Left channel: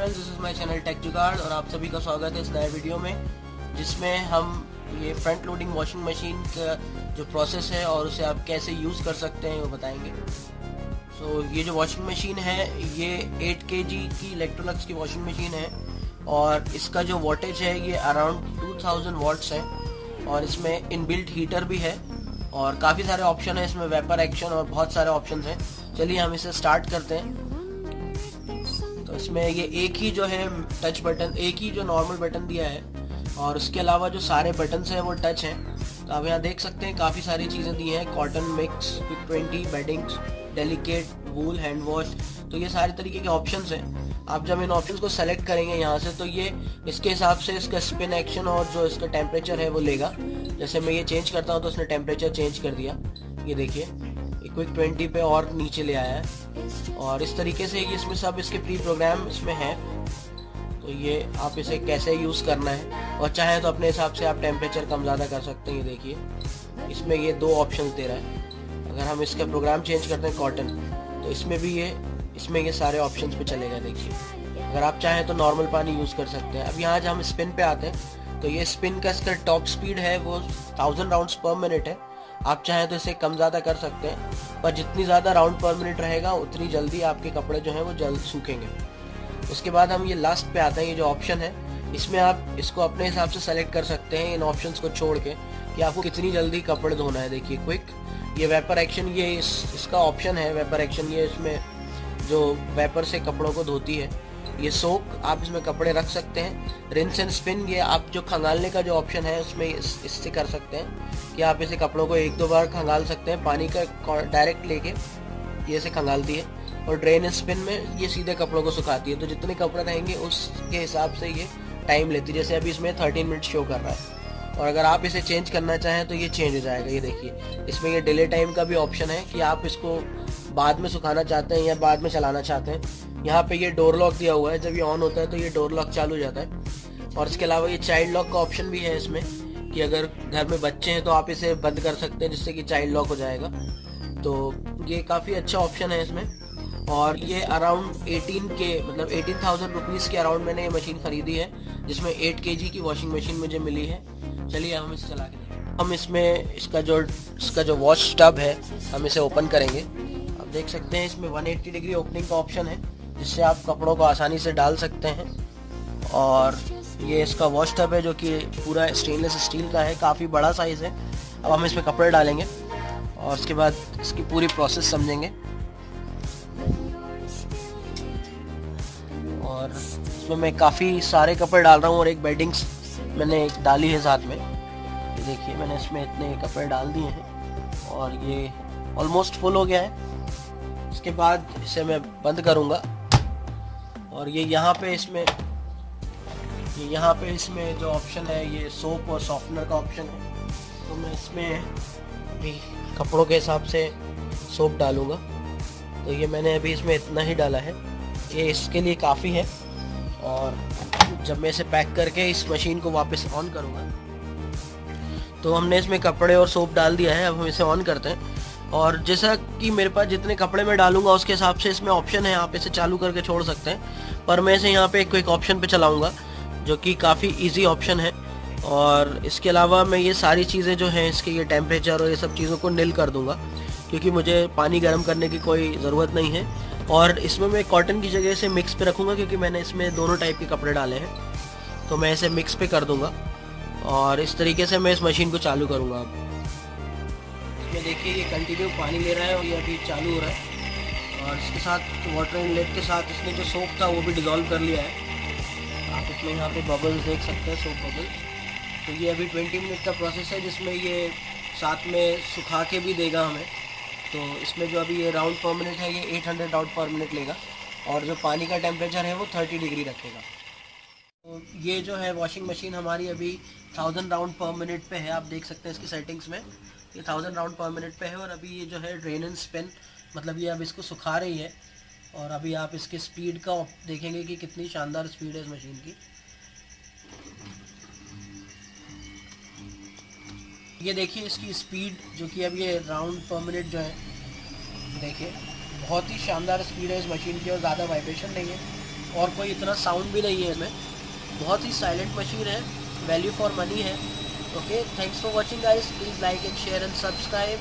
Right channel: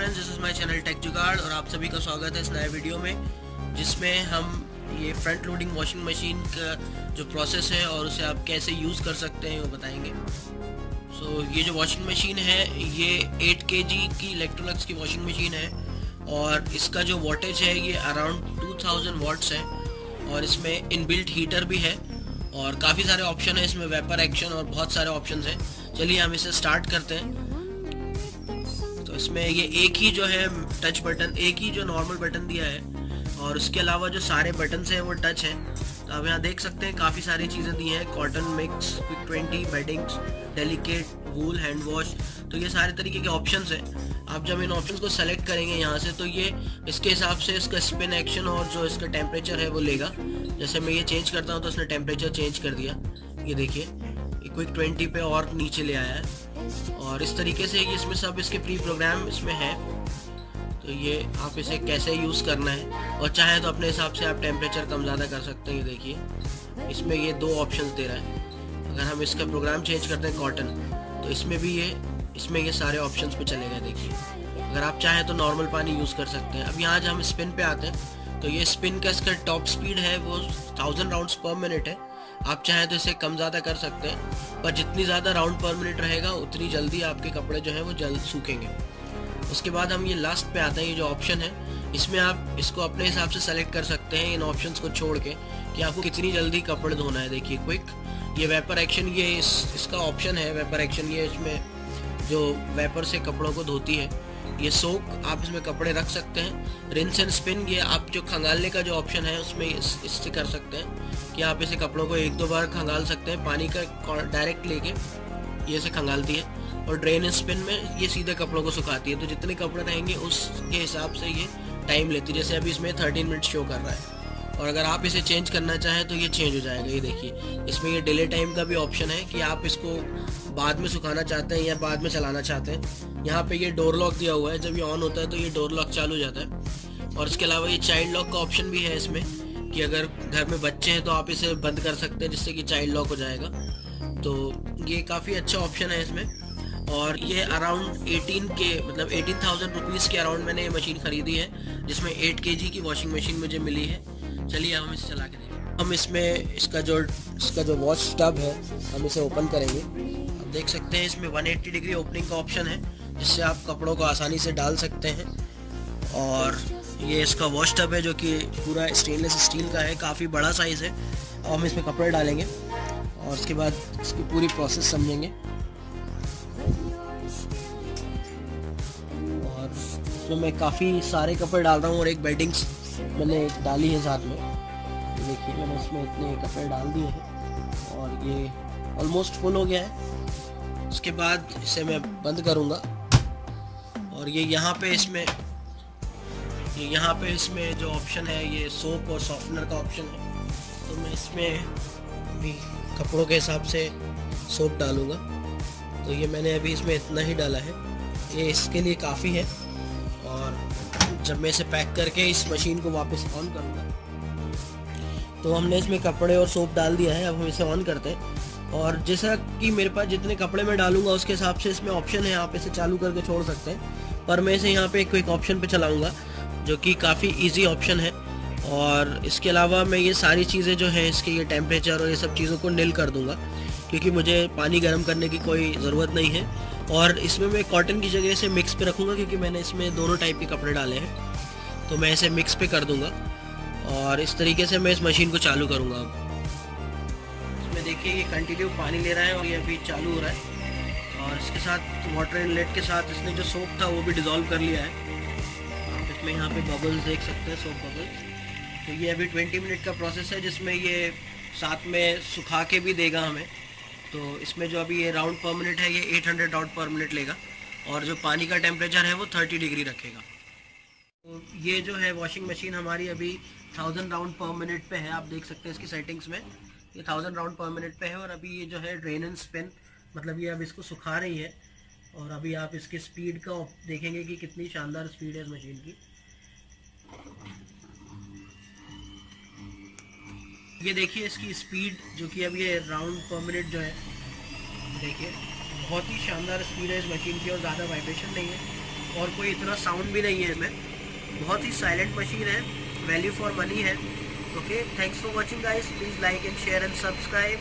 Friends, this is my channel tech jugaad और आप सभी का स्वागत है इस नए वीडियो में जिसमें हम ये फ्रंट लोडिंग वॉशिंग मशीन का जो प्रोसेस है और उसे आप कैसे यूज़ कर सकते हैं वो बताएंगे। ये जो वॉशिंग मशीन है ये 8 kg की इलेक्ट्रोलक्स की वॉशिंग मशीन है और इसका जो वोल्टेज है ये अराउंड 2000 वाट्स है और इसमें इनबिल्ट हीटर भी है और काफ़ी सारे ऑप्शन है इसमें, वेपर एक्शन और बहुत सारे ऑप्शन हैं। चलिए हम इसे स्टार्ट करते हैं। तो इसमें ये एक ही जो है टच बटन, एक ही जो नॉर्मल बटन दिया है और उसके अलावा जो सारे बटन हैं वो टच हैं। तो आप यहाँ देख सकते हैं काफ़ी सारी चीज़ें दी हैं, cotton mix, quick 20, beddings, delicate, wool, hand wash. तो ये सारे तरीके के ऑप्शंस हैं। आप जब इन ऑप्शंस को सेलेक्ट करेंगे यहाँ से तो ये इसके हिसाब से इसका स्पिन एक्शन और जो इसका टेम्परेचर है वो लेगा। जैसे मैं ये चेंज करता हूँ तो उसने टेम्परेचर चेंज कर दिया, ये देखिए क्विक 20 पे और नीचे ले आया है। और इस तरीके से ये इसमें सब इसके प्री प्रोग्राम इसमें है। तो ये आप इसे कैसे यूज़ करना है और चाहे तो अपने हिसाब से आप टेम्परेचर कम ज़्यादा कर सकते हैं। ये देखिए इसमें ये दो ऑप्शंस दे रहा है। अगर हम इसका प्रोग्राम चेंज करते हैं कॉटन तो इसमें भी ये सारे ऑप्शंस पे चलेगा। देखिए अगर आप चाहें तो नॉर्मल पानी यूज़ कर सकते हैं। अब यहाँ जब हम स्पिन पे आते हैं तो ये स्पिन का इसका टॉप स्पीड है वो 1000 राउंड्स पर मिनट है। आप चाहें तो इसे कम ज़्यादा कर सकते हैं, पर जितनी ज़्यादा राउंड पर मिनट रहेगा उतनी जल्दी आपके कपड़े जो हैं वो जल्द सूखेंगे। उसके बाद हम ये लास्ट पे आते हैं, ये जो ऑप्शन है इसमें आप इसको अपने हिसाब से सेलेक्ट कर सकते हैं इन ऑप्शंस को छोड़ के कि आपको कितनी जल्दी कपड़े धोना है। देखिए क्विक, ये वेपर एक्शन, ये इसका ऑप्शन है वेपर एक्शन, ये इसमें जो वेपर से कपड़ों को धोती है। ये सोक, आप इसमें कपड़े रख सकते हैं। रिंस एंड स्पिन, ये आप जो खंगालने का जो ऑप्शन है उसमें इससे कर सकते हैं कि आप इसे कपड़ों को 1-2 बार खंगाल सकते हैं, पानी का डायरेक्ट लेके ये इसे खंगालती है। और ड्रेन एंड स्पिन में ये सीधे कपड़ों को सुखाती है। तो जितने कपड़े रहेंगे उसके हिसाब से ये टाइम लेती है। जैसे अभी इसमें 13 मिनट शो कर रहा है और अगर आप इसे चेंज करना चाहें तो ये चेंज हो जाएगा। ये देखिए इसमें ये डिले टाइम का भी ऑप्शन है कि आप इसको बाद में सुखाना चाहते हैं या बाद में चलाना चाहते हैं। यहाँ पे ये डोर लॉक दिया हुआ है, जब ये ऑन होता है तो ये डोर लॉक चालू हो जाता है। और इसके अलावा ये चाइल्ड लॉक का ऑप्शन भी है इसमें कि अगर घर में बच्चे हैं तो आप इसे बंद कर सकते हैं जिससे कि चाइल्ड लॉक हो जाएगा। तो ये काफ़ी अच्छा ऑप्शन है इसमें। और ये अराउंड 18,000 रुपीज़ के अराउंड मैंने ये मशीन ख़रीदी है जिसमें 8 kg की वॉशिंग मशीन मुझे मिली है। चलिए हम इसे चला के देखें। हम इसमें इसका जो वॉश टब है हम इसे ओपन करेंगे। आप देख सकते हैं इसमें 180 डिग्री ओपनिंग का ऑप्शन है जिससे आप कपड़ों को आसानी से डाल सकते हैं। और ये इसका वॉश टब है जो कि पूरा स्टेनलेस स्टील का है, काफ़ी बड़ा साइज़ है। अब हम इसमें कपड़े डालेंगे और उसके बाद इसकी पूरी प्रोसेस समझेंगे। और इसमें मैं काफ़ी सारे कपड़े डाल रहा हूँ और एक बेडिंग्स मैंने डाली है साथ में। देखिए मैंने इसमें इतने कपड़े डाल दिए हैं और ये ऑलमोस्ट फुल हो गया है। उसके बाद इसे मैं बंद करूँगा और ये यहाँ पे इसमें जो ऑप्शन है ये सोप और सॉफ्टनर का ऑप्शन है। तो मैं इसमें भी कपड़ों के हिसाब से सोप डालूँगा। तो ये मैंने अभी इसमें इतना ही डाला है, ये इसके लिए काफ़ी है। और जब मैं इसे पैक करके इस मशीन को वापस ऑन करूँगा तो हमने इसमें कपड़े और सोप डाल दिया है। अब हम इसे ऑन करते हैं और जैसा कि मेरे पास जितने कपड़े मैं डालूंगा उसके हिसाब से इसमें ऑप्शन है, आप इसे चालू करके छोड़ सकते हैं। पर मैं इसे यहाँ पे एक ऑप्शन पे चलाऊंगा जो कि काफ़ी इजी ऑप्शन है। और इसके अलावा मैं ये सारी चीज़ें जो हैं इसके ये टेम्परेचर और ये सब चीज़ों को निल कर दूँगा क्योंकि मुझे पानी गर्म करने की कोई ज़रूरत नहीं है। और इसमें मैं कॉटन की जगह से मिक्स पे रखूँगा क्योंकि मैंने इसमें दोनों टाइप के कपड़े डाले हैं। तो मैं इसे मिक्स पे कर दूँगा और इस तरीके से मैं इस मशीन को चालू करूँगा। अब इसमें देखिए ये कंटिन्यू पानी ले रहा है और ये अभी चालू हो रहा है। और इसके साथ वाटर इनलेट के साथ इसने जो सोप था वो भी डिज़ोल्व कर लिया है। आप इसमें यहाँ पे बबल्स देख सकते हैं, सोप बबल्स। तो ये अभी 20 मिनट का प्रोसेस है जिसमें ये साथ में सुखा के भी देगा हमें। तो इसमें जो अभी ये राउंड पर मिनट है ये 800 राउंड पर मिनट लेगा और जो पानी का टेम्परेचर है वो 30 डिग्री रखेगा। तो ये जो है वॉशिंग मशीन हमारी अभी 1000 राउंड पर मिनट पे है। आप देख सकते हैं इसकी सेटिंग्स में ये 1000 राउंड पर मिनट पे है। और अभी ये जो है ड्रेन एंड स्पिन, मतलब ये अब इसको सुखा रही है। और अभी आप इसकी स्पीड का देखेंगे कि कितनी शानदार स्पीड है इस मशीन की। ये देखिए इसकी स्पीड जो कि अब ये राउंड पर मिनट जो है, देखिए बहुत ही शानदार स्पीड है इस मशीन की और ज़्यादा वाइब्रेशन नहीं है। और कोई इतना साउंड भी नहीं है इसमें, बहुत ही साइलेंट मशीन है, वैल्यू फॉर मनी है। Okay, thanks for watching guys, please like and share and subscribe.